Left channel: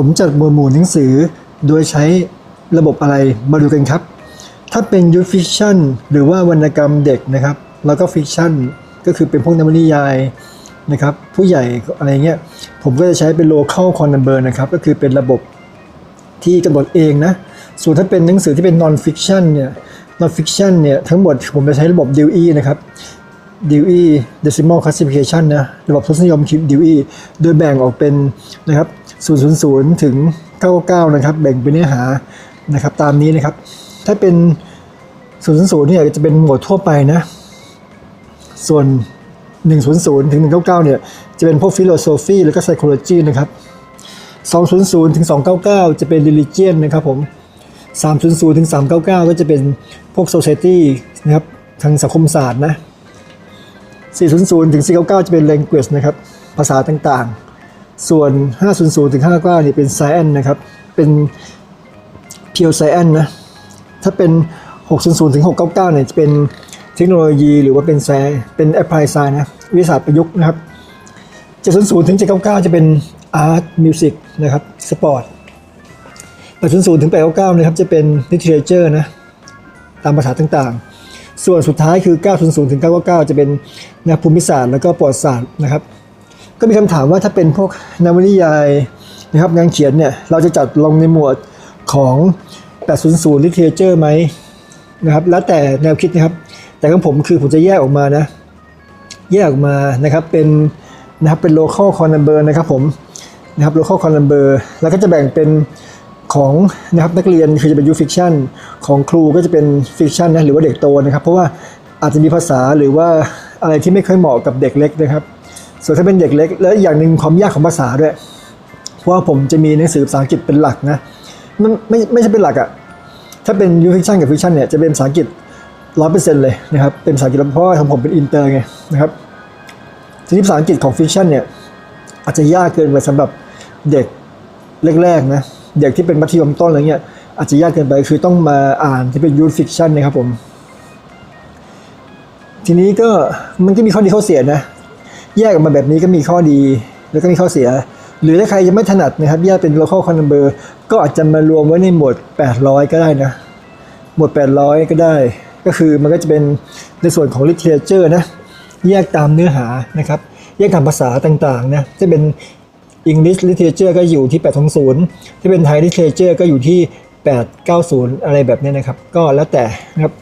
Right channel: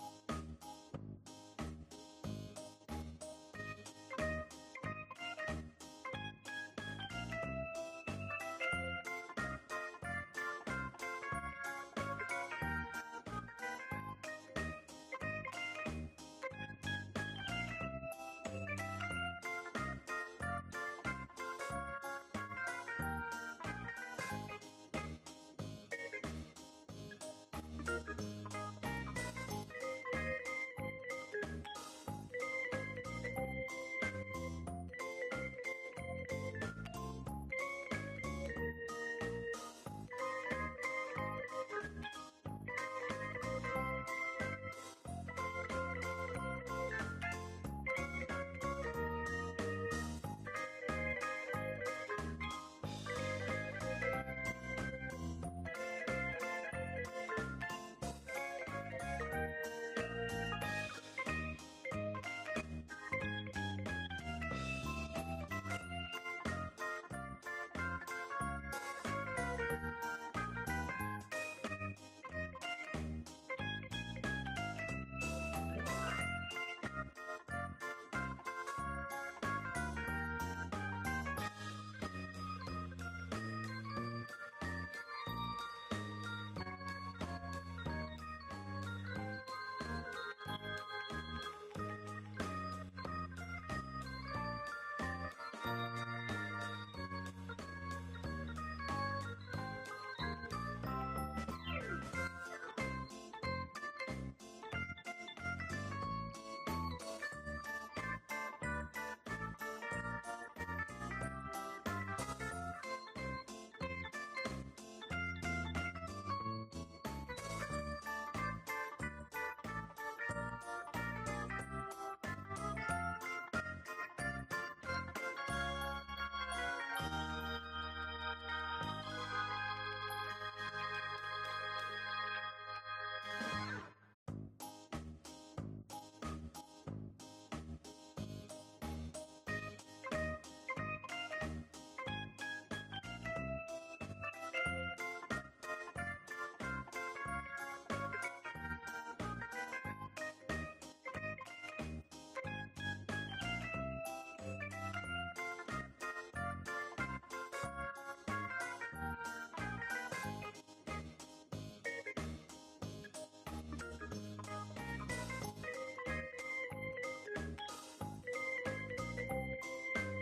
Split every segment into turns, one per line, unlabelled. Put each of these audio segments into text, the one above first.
ผมจัดหมวดหมู่หนังสือ โดยใช้ระบบอะไรมาดูกันครับ ถ้าเป็นยูฟิ c ชันหรือว่าวรรณกรรมเด็กนะครับ แล้วก็ฟิกชั่นก็คือเป็นพวกนวนิยายนะครับ ผู้ใหญ่อะไรเงี้ยผมก็จะใช้เป็น local c o n number นะครับ ก็คือเป็นระบบที่กำหนดเองนะ ส่วนถ้าเป็นหนังสือที่เป็น non fiction เนี่ย non fiction เนี่ยทั้งหมดผมจะใช้ระบบ DOE นะครับ DOE decimal classification นะ ระบบทศนิยมคิด DOE โดยแบ่งออกเป็นนะครับ 000 ถึง 99 นะครับ แบ่งเป็นเนื้อหานะครับตามนี้นะครับ ถ้าเป็น 000เนี่ยจะเป็นหมวดทั่วไปนะ ส่วน 100 ถึง 199 เนี่ยจะเป็นพวก philosophy แล้วก็ psychology นะครับ 200 ถึง 299 จะเป็น religion นนะครับผม 300 ถึง 399 ก็จะเป็นพวก society นะครับทางสังคมศาสตร์นะ 400 ถึง 499 จะเป็น language นะครับ ภาษาต่างๆ ส่วน 500ถึง599เนี่ยเป็น science นะครับ เป็น pure science นะ ถ้าเป็น 600ถึง699เนี่ยจะเป็นเทคโนโลยีหรือว่าเป็นแซเป็น apply science นะวิทยาศาสตร์ประยุกต์นะครับ 700ถึง799 จะเป็น art music นะครับ sport 800ถึง899นะครับจะเป็น literature นะตามภาษาต่างๆ ส่วนสุดท้ายคือ 900ถึง999 จะเป็นแนวภูมิศาสตร์แล้วก็ประวัติศาสตร์นะครับ ก็มีคำถามว่าถ้าเป็นพวกนวนิยายนะครับงานเขียนเนี่ยเราจะจัดลงในหมวดของ 800 literature ไหมนะครับแล้วแต่แนวคิดนะครับ แต่ของผมคือผมจะแยกออกมานะ แยกออกมานะครับเป็นนะครับเป็น local c o n number นะครับผมนะครับ local c o n number แล้วก็จะแบ่งเป็นของนะครับนักเรียนคือจะเป็น youth fiction ของครูก็จะเป็น fiction นะหรือว่าเด็กโตนะครับ เพราะว่าอาจจะมีภาษาหรือว่าอะไรที่ไม่ค่อยเหมาะกับเด็กเล็กนะครับ ส่วนถ้าเป็นเด็กเล็ก แล้วอย่างหนึ่งความยากของภาษาด้วย เพราะว่าผมจะมีหนังสือภาษาอังกฤษเป็นหลักนะมันไม่ไม่ใช่เป็นหลักอะถ้าเป็น youth fiction กับ fiction เนี่ยจะเป็นภาษาอังกฤษร้อยเปอร์เซ็นต์เลยนะครับเป็นภาษาอังกฤษเพราะว่าของผมเป็นอินเตอร์ไงนะครับทีนี้ภาษาอังกฤษของฟิกชันเนี่ยอาจจะยากเกินไปสำหรับเด็กแรกๆนะเด็กที่เป็นมัธยมต้นอะไรเงี้ยอาจจะยากเกินไปคือต้องมาอ่านที่เป็นยูฟิกชันนะครับผมทีนี้ก็มันก็มีข้อดีข้อเสียนะ แยกออกมาแบบนี้ก็มีข้อดี แล้วก็มีข้อเสีย หรือถ้าใครยังไม่ถนัดนะครับ แยกเป็น local c o n number ก็อาจจะมารวมไว้ในหมวด 800 ก็ได้นะ หมวด 800 ก็ได้ ก็คือมันก็จะเป็นในส่วนของ literature นะ แยกตามเนื้อหานะครับ แยกตามภาษาต่างๆนะจะเป็น English literature ก็อยู่ที่ 820ที่เป็น Thai literature ก็อยู่ที่ 890 อะไรแบบนี้นะครับ ก็แล้วแต่นะครับ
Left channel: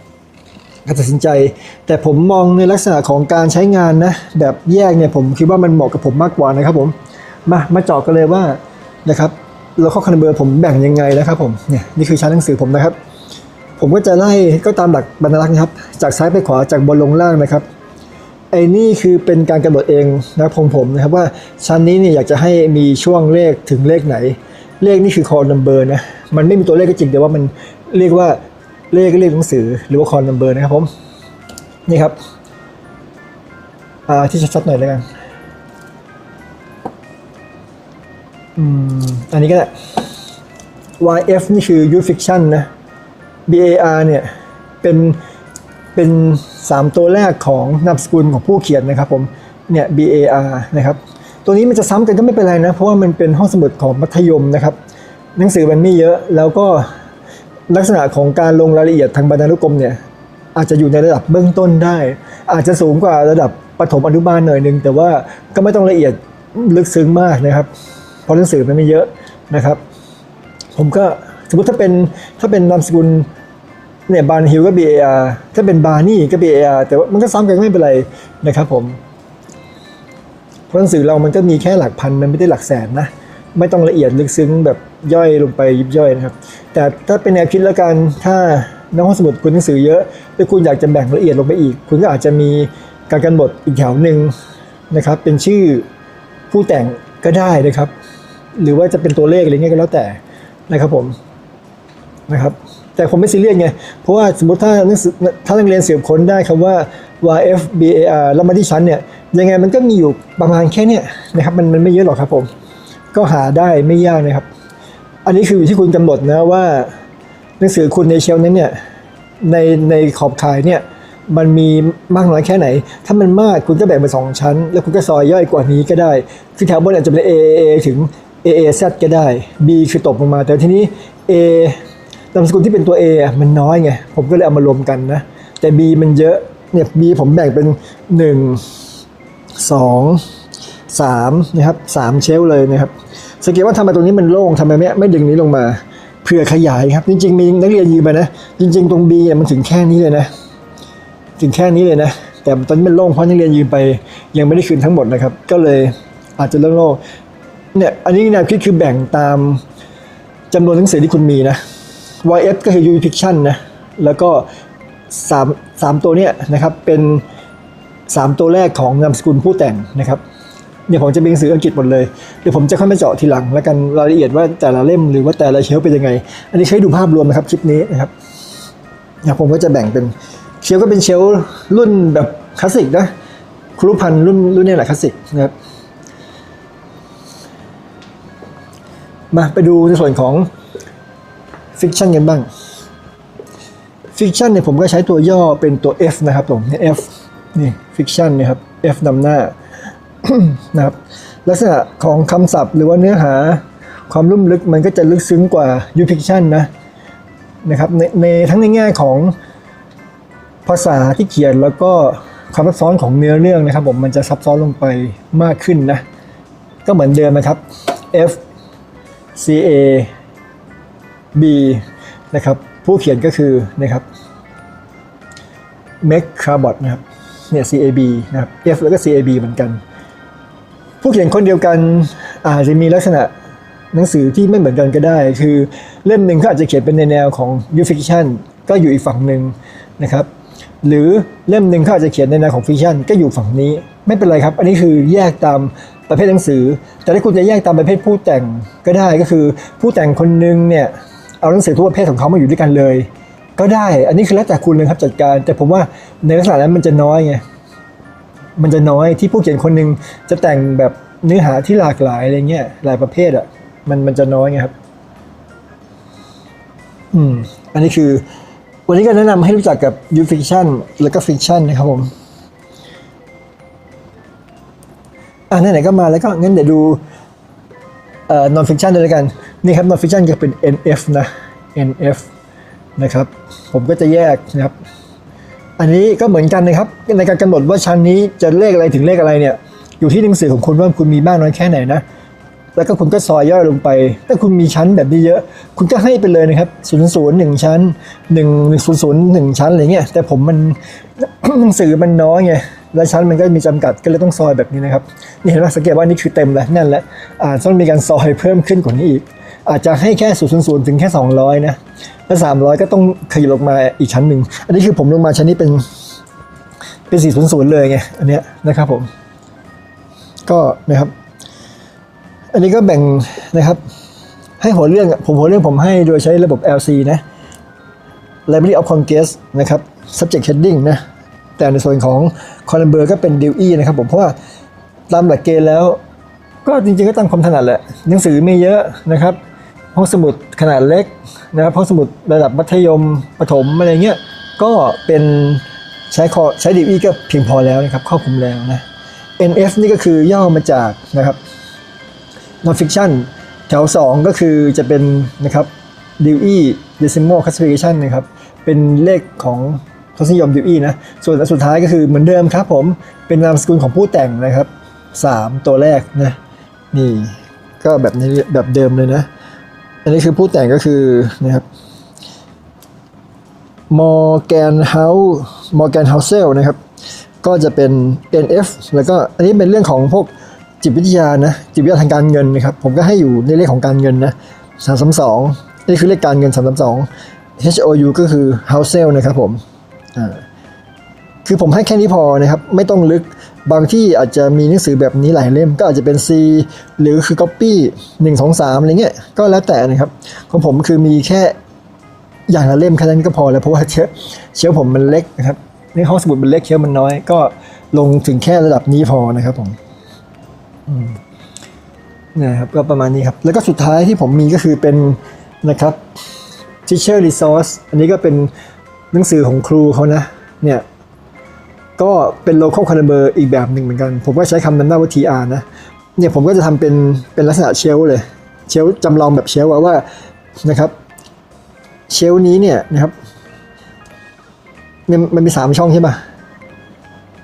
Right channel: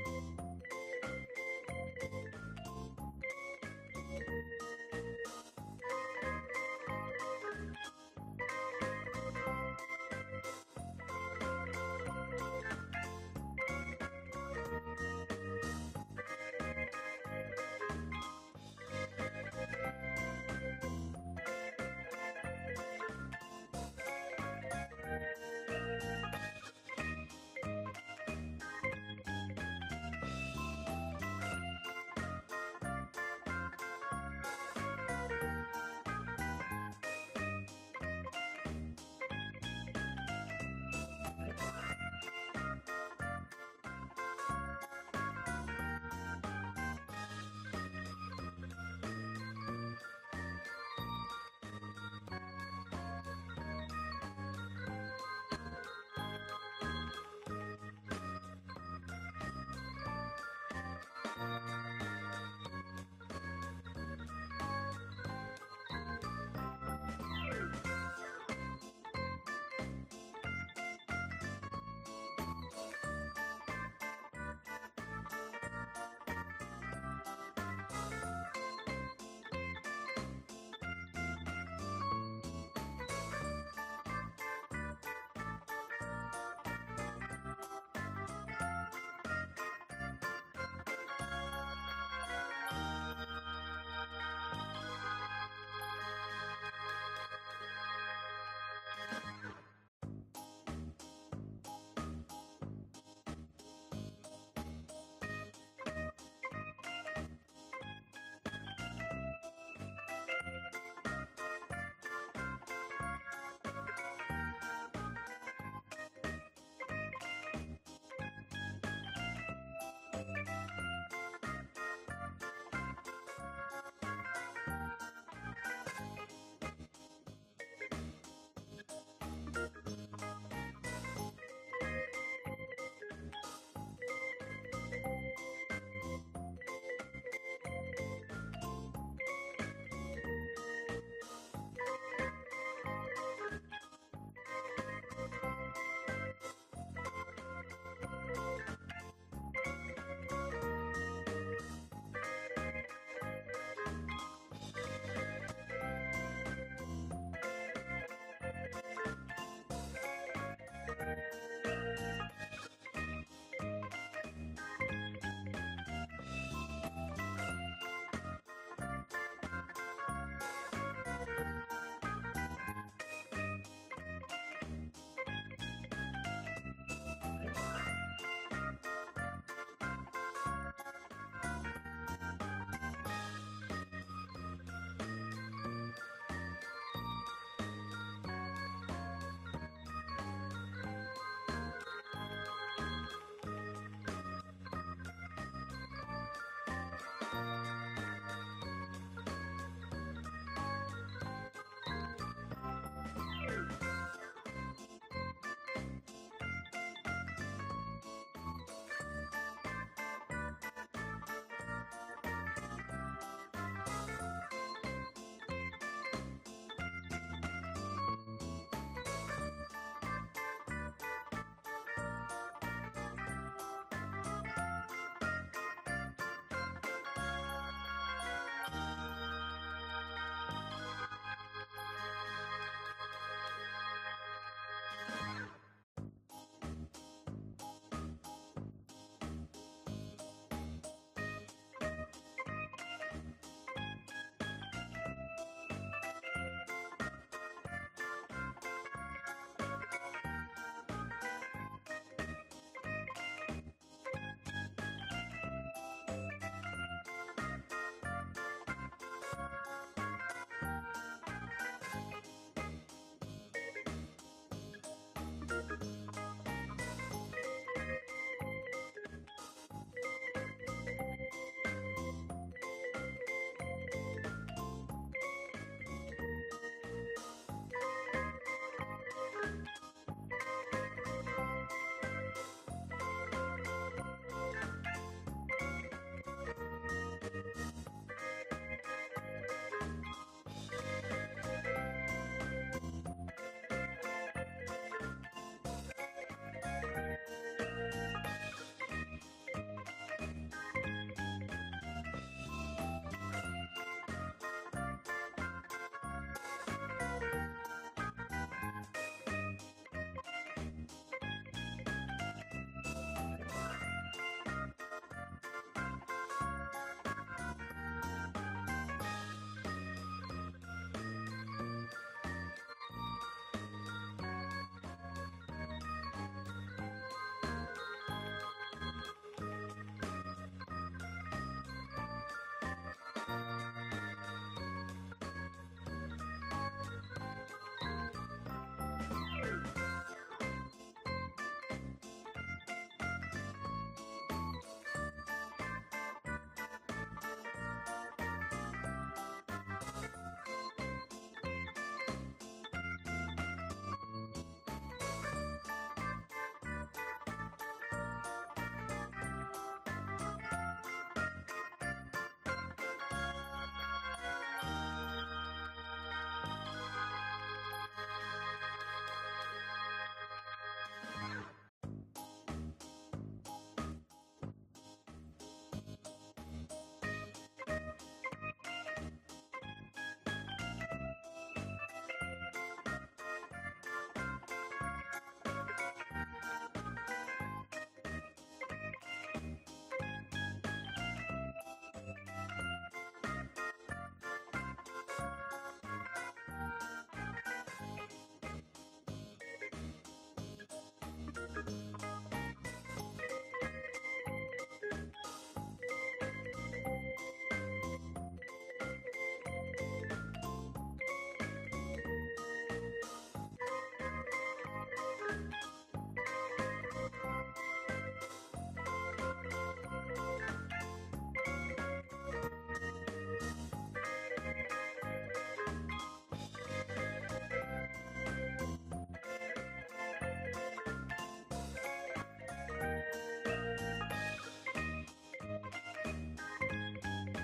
การตัดสินใจ แต่ผมมองในลักษณะของการใช้งานนะแบบแยกเนี่ยผมคิดว่ามันเหมาะกับผมมากกว่านะครับผมมามาเจาะกันเลยว่านะครับเราข้อคันเบอร์ผมแบ่งยังไงนะครับผมเนี่ยนี่คือชั้นหนังสือผมนะครับ ผมก็จะไล่ก็ตามหลักบรรลักษ์นะครับ จากซ้ายไปขวาจากบนลงล่างนะครับไอ้นี่คือเป็นการกำหนดเองนะครับของผมนะครับว่าชั้นนี้เนี่ยอยากจะให้มีช่วงเลขถึงเลขไหน เลขนี่คือ call number นะมันไม่มีตัวเลขก็จริงแต่ว่ามันเรียกว่า เลขเลขหนังสือหรือว่า call number นะครับผม นี่ครับอ่าที่ชัดๆหน่อยแล้วกันอืมอันนี้ก็ได้ YF นี่คือ youth fiction นะ BAR เนี่ย เป็นเป็น 3 ตัวแรกของนามสกุลของผู้เขียนนะครับผมเนี่ย BAR นะครับตัวนี้มันจะซ้ำกันก็ไม่เป็นไรนะ เพราะว่ามันเป็นห้องสมุดของมัธยมนะครับ หนังสือมันไม่เยอะแล้วก็ ลักษณะของการลงรายละเอียดทางบรรณานุกรมเนี่ยอาจจะอยู่ในระดับเบื้องต้นได้ อาจจะสูงกว่าระดับประถมอนุบาลหน่อยนึงแต่ว่าก็ไม่ต้องละเอียดลึกซึ้งมากนะครับเพราะหนังสือมันไม่เยอะนะครับ ผมก็สมมติถ้าเป็นถ้าเป็นนามสกุลเนี่ยบานฮิลก็ BAR ถ้าเป็นบานี่ก็ BAR แต่ว่ามันก็ซ้ำกันไม่เป็นไรนะครับผมเพราะหนังสือเรามันก็มีแค่หลักพันมันไม่ได้หลักแสนนะ ไม่ต้องละเอียดลึกซึ้งแบบย่อยลงไปยิบย่อยนะครับ แต่ถ้าเป็นแนวคิดแล้วกันถ้านักห้องสมุดคุณหนังสือเยอะแล้วคุณอยากจะแบ่งละเอียดลงไปอีก คุณก็อาจจะมีการกำหนดอีกแถวหนึ่งนะครับ เป็นชื่อผู้แต่งก็ได้นะครับ หรือว่าจะเป็นตัวเลขอะไรเงี้ยก็แล้วแต่นะครับผมนะครับ แต่ผมไม่ซีเรียสไง เพราะว่าสมมติถ้านักถ้านักเรียนเสืบค้นได้คำว่า YF BAR แล้วมาที่ชั้นเนี่ยยังไงมันก็มีอยู่ประมาณแค่เนี้ยนะครับมันมันไม่เยอะหรอกครับผม ก็หาได้ไม่ยากนะครับ อันนี้คืออยู่ที่คุณกำหนดนะว่า หนังสือคุณในเชลนั้นเนี่ยในในขอบข่ายเนี่ยมันมีมากน้อยแค่ไหน ถ้ามันมากคุณก็แบ่งเป็นสองชั้น แล้วคุณก็ซอยย่อยกว่านี้ก็ได้ คือแถวบนอาจจะเป็น A A A ถึง A A Z ก็ได้ B คือตกลงมา แต่ทีนี้ A นามสกุลที่เป็นตัว A อะมันน้อยไง ผมก็เลยเอามารวมกันนะ แต่ B มันเยอะเนี่ย B ผมแบ่งเป็น 1 2 3นะครับ3เชลเลยนะครับ สังเกตว่าทำไมตรงนี้มันโล่งทำไมไม่ไม่ดึงนี้ลงมาเพื่อขยายครับ จริงๆมีนักเรียนยืนมานะ จริง ๆ ตรง B เนี่ยมันถึงแค่นี้เลยนะ ถึงแค่นี้เลยนะ แต่ตอนนี้มันโล่งเพราะนักเรียนยืนไปยังไม่ได้คืนทั้งหมดนะครับ ก็เลยอาจจะเริ่มโล่งเนี่ยอันนี้แนวคิดคือแบ่งตามจำนวนหนังสือที่คุณมีนะ YF ก็คือ U Fiction นะแล้วก็สามสามตัวเนี่ยนะครับเป็น 3 ตัวแรกของนามสกุลผู้แต่งนะครับ เนี่ยผมจะเป็นหนังสืออังกฤษหมดเลยเดี๋ยวผมจะค่อยมาเจาะทีหลังแล้วกันรายละเอียดว่าแต่ละเล่มหรือว่าแต่ละเชลเป็นยังไง อันนี้ใช้ดูภาพรวมนะครับคลิปนี้นะครับนะผมก็จะแบ่งเป็นเชลก็เป็นเชลรุ่นแบบคลาสสิกนะครูพันรุ่นรุ่นนี้แหละคลาสสิกนะครับมาไปดูในส่วนของฟิกชันกันบ้างฟิกชันเนี่ยผมก็ใช้ตัวย่อเป็นตัว F นะครับผม F นี่ฟิกชันนะครับ F นำหน้า นะครับลักษณะของคำศัพท์ หรือว่าเนื้อหาความลุ่มลึกมันก็จะลึกซึ้งกว่า U fiction นะนะครับในในทั้งในแง่ของภาษาที่เขียนแล้วก็ความซับซ้อนของเนื้อเรื่องนะครับผมมันจะซับซ้อนลงไปมากขึ้นนะก็เหมือนเดิมนะครับ F C A B นะครับผู้เขียนก็คือนะครับ m e c c a b o t นะครับเนี่ย CAB นะครับ F แล้วก็ CAB เหมือนกัน ผู้เขียนคนเดียวกันอาจจะมีลักษณะหนังสือที่ไม่เหมือนกันก็ได้ คือเล่มหนึ่งเขาอาจจะเขียนเป็นในแนวของ U fiction ก็อยู่อีกฝั่งหนึ่งนะครับ หรือเล่มหนึ่งเขาอาจจะเขียนในแนวของฟิกชันก็อยู่ฝั่งนี้ ไม่เป็นไรครับ อันนี้คือแยกตามประเภทหนังสือ แต่ถ้าคุณจะแยกตามประเภทผู้แต่งก็ได้ก็คือ ผู้แต่งคนหนึงเนี่ยเอาหนังสือทุกประเภทของเขามาอยู่ด้วยกันเลย ก็ได้ อันนี้คือแล้วแต่คุณเลยครับจัดการ แต่ผมว่าในลักษณะนั้นมันจะน้อยไง มันจะน้อยที่ผู้เขียนคนหนึ่งจะแต่งแบบเนื้อหาที่หลากหลายอะไรเงี้ยหลายประเภทอะมันมันจะน้อยไงครับ อืม อันนี้คือ วันนี้ก็แนะนำให้รู้จักกับ U fiction แล้วก็ fiction นะครับผมอะไหนๆก็มาแล้วก็งั้นเดี๋ยวดูเอ่อ non fiction เลยแล้วกัน นี่ครับ non fiction จะเป็น NF นะ NF นะครับ ผมก็จะแยกนะครับ อันนี้ก็เหมือนกันนะครับในการกำหนดว่าชั้นนี้จะเลขอะไรถึงเลขอะไรเนี่ยอยู่ที่หนังสือของคุณว่าคุณมีมากน้อยแค่ไหนนะแล้วก็คุณก็ซอยย่อยลงไป ถ้าคุณมีชั้นแบบนี้เยอะ คุณก็ให้ไปเลยนะครับ0 0 1ชั้น1 1 0 0 1ชั้นอะไรเงี้ย แต่ผมมันหนังสือมันน้อยไง และชั้นมันก็มีจำกัด ก็เลยต้องซอยแบบนี้นะครับ นี่เห็นไหมสังเกตว่านี่คือเต็มแล้ว นั่นแหละอ่าต้องมีการซอยเพิ่มขึ้นกว่านี้อีก อาจจะให้แค่0 0 0ถึงแค่ 200 นะแล้ว300 ก็ต้องขยับลงมาอีกชั้นหนึ่ง อันนี้คือผมลงมาชั้นนี้เป็นเป็น 400 เลยไง อันเนี้ยนะครับผม ก็นะครับ อันนี้ก็แบ่งนะครับ ให้หัวเรื่องผมหัวเรื่องผมให้โดยใช้ระบบ LC นะ Library of Congress นะครับ Subject Heading นะ แต่ในส่วนของ Column Ber ก็เป็น DOE นะครับผมเพราะว่าตามหลักเกณฑ์แล้ว ก็จริงๆก็ตามความถนัดแหละ หนังสือไม่เยอะนะครับ ห้องสมุดขนาดเล็กนะครับห้องสมุดระดับมัธยมประถมอะไรเงี้ยก็เป็นใช้คอใช้ DOE ก็เพียงพอแล้วนะครับครอบคลุมแล้วนะ NF นี่ก็คือย่อมาจากนะครับ non-fiction แถว 2 ก็คือจะเป็นนะครับ Dewey Decimal Classification นะครับ เป็นเลขของทศนิยม Dewey นะ ส่วนอันสุดท้ายก็คือเหมือนเดิมครับผมเป็นนามสกุลของผู้แต่งนะครับ 3 ตัวแรกนะ นี่ก็แบบนี้แบบเดิมเลยนะ อันนี้คือผู้แต่งก็คือนะครับ Morgan House Morgan Housel นะครับ ก็จะเป็น NF แล้วก็อันนี้เป็นเรื่องของพวกจิตวิทยานะจิตวิทยาทางการเงินนะครับ ผมก็ให้อยู่ในเลขของการเงินนะ332นี่คือเลขการเงิน332 HOU ก็คือ Housel นะครับผมคือผมให้แค่นี้พอนะครับ ไม่ต้องลึก บางที่อาจจะมีหนังสือแบบนี้หลายเล่มก็อาจจะเป็น C หรือคือ Copy 1 2 3อะไรเงี้ยก็แล้วแต่นะครับของผมคือมีแค่อย่างละเล่มแค่นั้นก็พอแล้วเพราะว่าเชลฟ์เชฟผมมันเล็กนะครับในห้องสมุดมันเล็กเชลฟ์มันน้อย ก็ลงถึงแค่ระดับนี้พอนะครับผมอืมนะครับก็ประมาณนี้ครับแล้วก็สุดท้ายที่ผมมีก็คือเป็นนะครับ teacher resource อันนี้ก็เป็นหนังสือของครูเขานะเนี่ย ก็เป็น local caliber อีกแบบหนึ่งเหมือนกัน ผมก็ใช้คำนำหน้าว่า TR นะ เนี่ยผมก็จะทำเป็นเป็นลักษณะเชลเลย เชลจำลองแบบเชลว่าว่านะครับ เชลนี้เนี่ยนะครับมันมันมีสามช่องใช่ปะ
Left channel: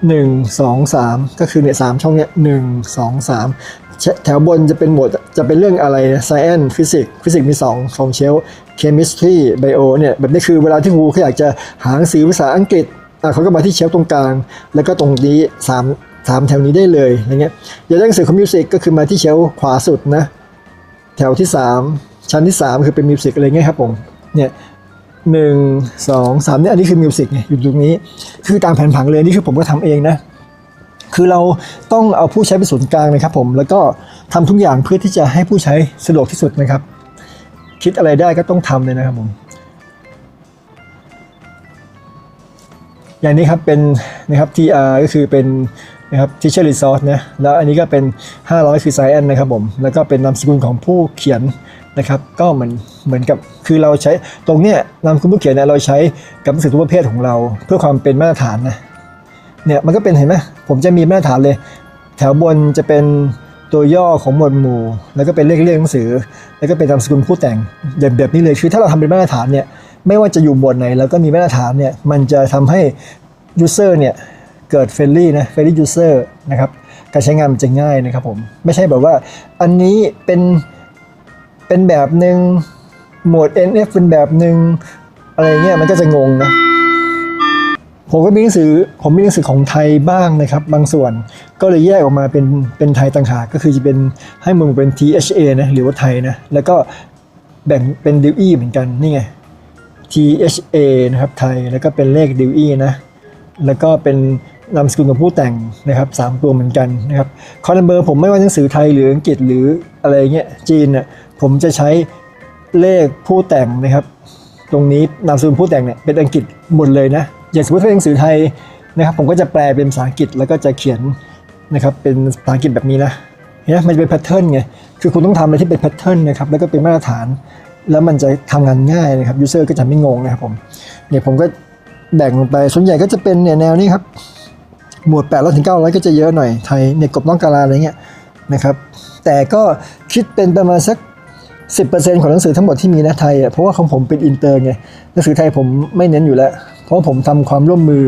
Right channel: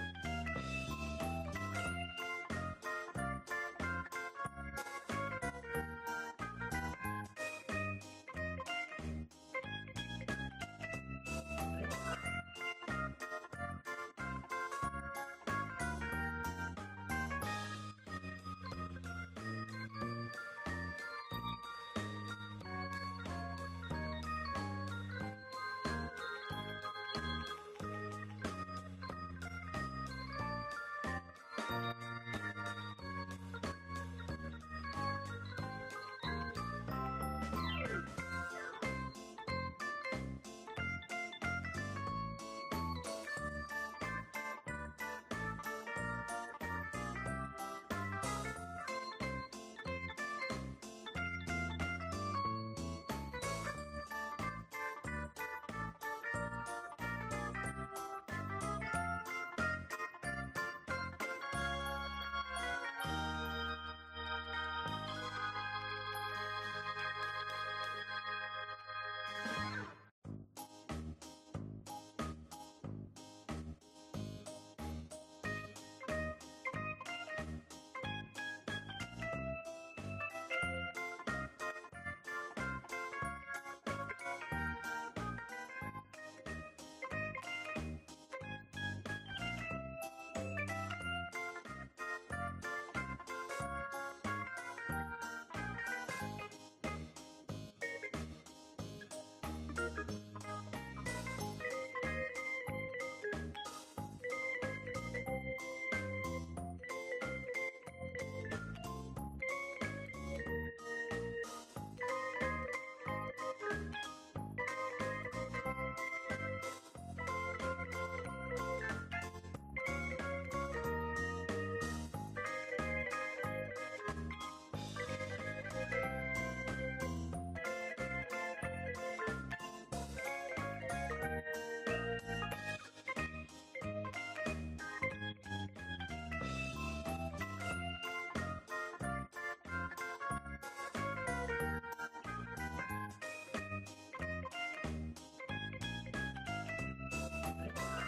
หนึ่งสองสามก็คือเนี่ยสามช่องเนี่ยหนึ่งสองสามแถวบนจะเป็นหมวดจะเป็นเรื่องอะไร science ฟิสิกส์ฟิสิกส์มีสองสองเชล chemistry bio เนี่ยแบบนี้คือเวลาที่ครูเขาอยากจะหาหนังสือภาษาอังกฤษ เขาก็มาที่เชลฟ์ตรงกลาง แล้วก็ตรงนี้สามสามแถวนี้ได้เลยอย่างเงี้ยอย่ากได้หนังสือของมิวสิกก็คือมาที่เชลฟ์ขวาสุดนะแถวที่ 3 ชั้นที่ 3 คือเป็นมิวสิกอะไรเงี้ยครับผมเนี่ยหนึ่งสองสามเนี่ยอันนี้คือมิวสิกไงอยู่ตรงนี้ คือตามแผนผังเลยนี่คือผมก็ทำเองนะ คือเราต้องเอาผู้ใช้เป็นศูนย์กลางนะครับผม แล้วก็ทำทุกอย่างเพื่อที่จะให้ผู้ใช้สะดวกที่สุดนะครับ คิดอะไรได้ก็ต้องทำเลยนะครับผม อย่างนี้ครับเป็นนะครับ TR ก็คือเป็นนะครับ Teacher Resource นะแล้วอันนี้ก็เป็น 500 คือ Science นะครับผม แล้วก็เป็นนามสกุลของผู้เขียนนะครับ ก็เหมือนเหมือนกับคือเราใช้ตรงเนี้ยนามสกุลผู้เขียนเนี่ยเราใช้กับหนังสือทุกประเภทของเรา เพื่อความเป็นมาตรฐานนะเนี่ยมันก็เป็นเห็นไหมผมจะมีมาตรฐานเลย แถวบนจะเป็นตัวย่อของหมวดหมู่ แล้วก็เป็นเลขเรียกหนังสือ แล้วก็เป็นนามสกุลผู้แต่งแบบแบบนี้เลยคือถ้าเราทำเป็นมาตรฐานเนี่ย ไม่ว่าจะอยู่หมดไหนแล้วก็มีมาตรฐานเนี่ยมันจะทำให้ user เนี่ยเกิด friendly นะ friendly user นะครับการใช้งานมันจะง่ายนะครับผมไม่ใช่แบบว่าอันนี้เป็นเป็นแบบหนึ่งโหมด NF เป็นแบบหนึ่งอะไรเงี้ยมันก็จะงงนะผมก็มีหนังสือผมมีหนังสือของไทยบ้างนะครับ บางส่วนก็เลยแยกออกมาเป็นเป็นไทยต่างหากก็คือจะเป็นให้มึงเป็น THA นะหรือว่าไทยนะแล้วก็แบ่งเป็น DUE เหมือนกันนี่ไง THA นะครับไทยแล้วก็เป็นเลข DUE นะแล้วก็เป็นนามสกุลของผู้แต่งนะครับสามตัวเหมือนกันนะครับคอนัมเบอร์ผมไม่ว่าหนังสือไทยหรืออังกฤษหรืออะไรเงี้ยจีนเนี่ยผมจะใช้เลขผู้แต่งนะครับ ตรงนี้นามสกุลผู้แต่งเนี่ยเป็นอังกฤษหมดเลยนะอย่างสมมติเป็นหนังสือไทยนะครับ ผมก็จะแปลเป็นภาษาอังกฤษแล้วก็จะเขียนนะครับเป็นภาษาอังกฤษแบบนี้นะเนไหมมันจะเป็นแพทเทิร์นไงคือคุณต้องทำอะไรที่เป็นแพทเทิร์นนะครับแล้วก็เป็นมาตรฐาน แล้วมันจะทำงานง่ายนะครับยูเซอร์ก็จะไม่งงนะครับผมเนี่ยผมก็แบ่งลงไปส่วนใหญ่ก็จะเป็นเนี่ยแนวนี้ครับหมวด8 0 0ถึง900 ก็จะเยอะหน่อยไทยเนี่ยกบน้องกาลาอะไรเงี้ยนะครับแต่ก็คิดเป็นประมาณสัก 10%ของหนังสือทั้งหมดที่มีนะไทยอะเพราะว่าของผมเป็นอินเตอร์ไงหนังสือไทยผมไม่เน้นอยู่แล้ว เพราะว่าผมทำความร่วมมือ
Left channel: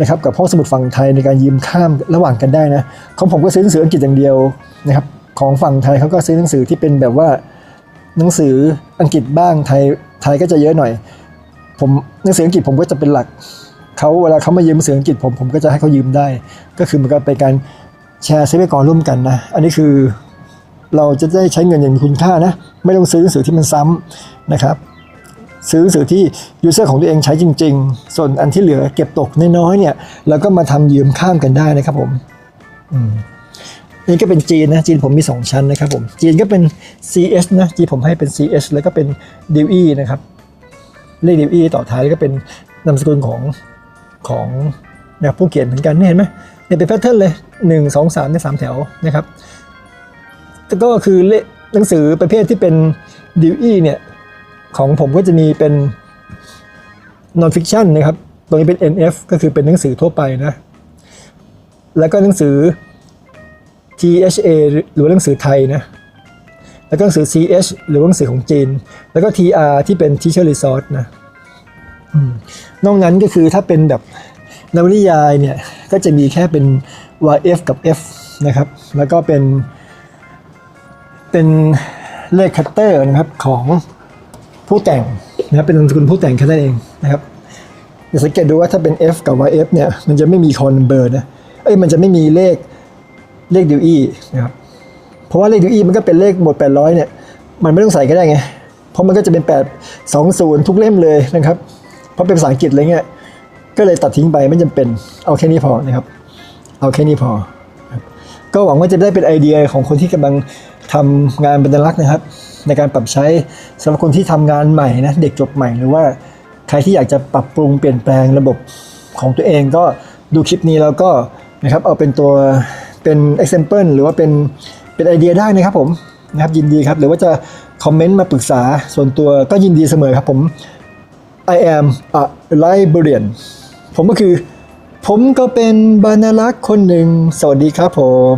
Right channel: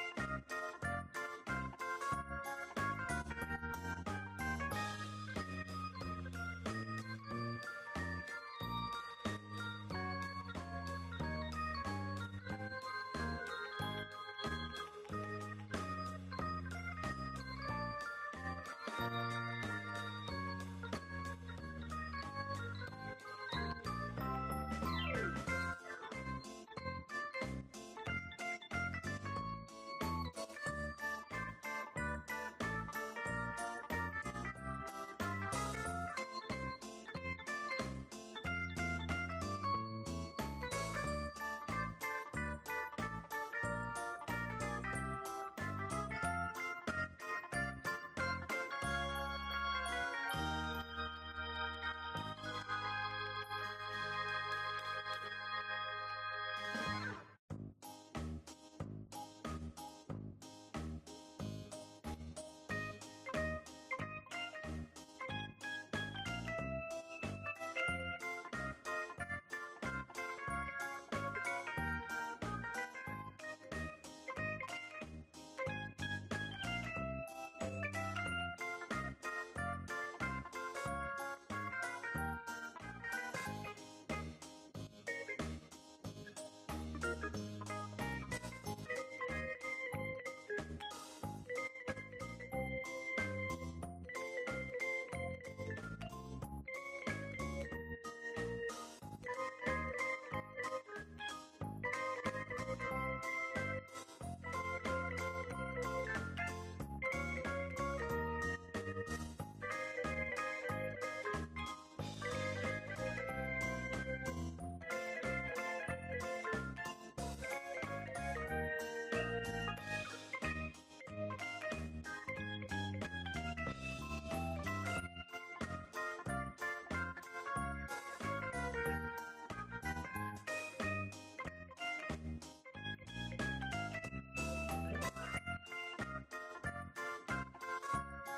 นะครับกับห้องสมุดฝั่งไทยในการยืมข้ามระหว่างกันได้นะของผมก็ซื้อหนังสืออังกฤษอย่างเดียวนะครับของฝั่งไทยเขาก็ซื้อหนังสือที่เป็นแบบว่า หนังสืออังกฤษบ้างไทยไทยก็จะเยอะหน่อย ผมหนังสืออังกฤษผมก็จะเป็นหลักเขาเวลาเขามายืมหนังสืออังกฤษผมผมก็จะให้เขายืมได้ ก็คือมันก็เป็นการแชร์ทรัพยากรร่วมกันนะอันนี้คือเราจะได้ใช้เงินอย่างมีคุณค่านะไม่ต้องซื้อหนังสือที่มันซ้ำนะครับซื้อหนังสือที่ยูเซอร์ของตัวเองใช้จริง ๆ ส่วนอันที่เหลือเก็บตกน้อยๆเนี่ยเราก็มาทำยืมข้ามกันได้นะครับผม อืม นี่ก็เป็นจีนนะจีนผมมี 2 ชั้นนะครับผมจีนก็เป็น CS นะจีนผมให้เป็น CS แล้วก็เป็น DE นะครับเลข DE ต่อท้ายก็เป็นนามสกุลของของนี่ยผู้เขียนเหมือนกันเห็นไหมเนี่ยเป็นแพทเทิร์นเลย 1 2 3ในสามแถวนะครับแต่ก็คือเลขหนังสือประเภทที่เป็น DE เนี่ยของผมก็จะมีเป็น non fiction นะครับ ตรงนี้เป็น NF ก็คือเป็นหนังสือทั่วไปนะ แล้วก็หนังสือ THA หรือว่าหนังสือไทยนะ แล้วก็หนังสือ CH หรือว่าหนังสือของจีน แล้วก็ TR ที่เป็น Teacher Resource นะอนอกนั้นก็คือถ้าเป็นแบบนวนิยายเนี่ย ก็จะมีแค่เป็น YF กับ F นะครับ แล้วก็เป็น เป็นเลขคัตเตอร์นะครับของผู้แต่งนะครับเป็นนามสกุลผู้แต่งแค่นั้นเองนะครับอย่าสังเกตดูว่าถ้าเป็น F กับ YF เนี่ย มันจะไม่มีคอนเบอร์นะ เอ้ย มันจะไม่มีเลข เลขดิวอีนะครับเพราะว่าเลขดิวอีมันก็เป็นเลขหมด 800 เนี่ย มันไม่ต้องใส่ก็ได้ไง เพราะมันก็จะเป็น 8 2 0 ทุกเล่มเลยนะครับ เพราะเป็นภาษาอังกฤษอะไรเงี้ยก็เลยตัดทิ้งไปไม่จำเป็นเอาแค่นี้พอนะครับ เอาแค่นี้พอครับก็หวังว่าจะได้เป็นไอเดียของคนที่กำลังทำงานบรรลักษ์นะครับ ในการปรับใช้สำหรับคนที่ทำงานใหม่นะเด็กจบใหม่หรือว่าใครที่อยากจะปรับปรุงเปลี่ยนแปลงระบบของตัวเองก็ดูคลิปนี้แล้วก็นะครับเอาเป็นตัว เป็น example หรือว่าเป็นเป็นไอเดียได้นะครับผมนะครับยินดีครับหรือว่าจะคอมเมนต์มาปรึกษาส่วนตัวก็ยินดีเสมอครับผม I am a librarian ผมก็คือ ผมก็เป็นบรรลักษ์คนหนึ่ง สวัสดีครับผม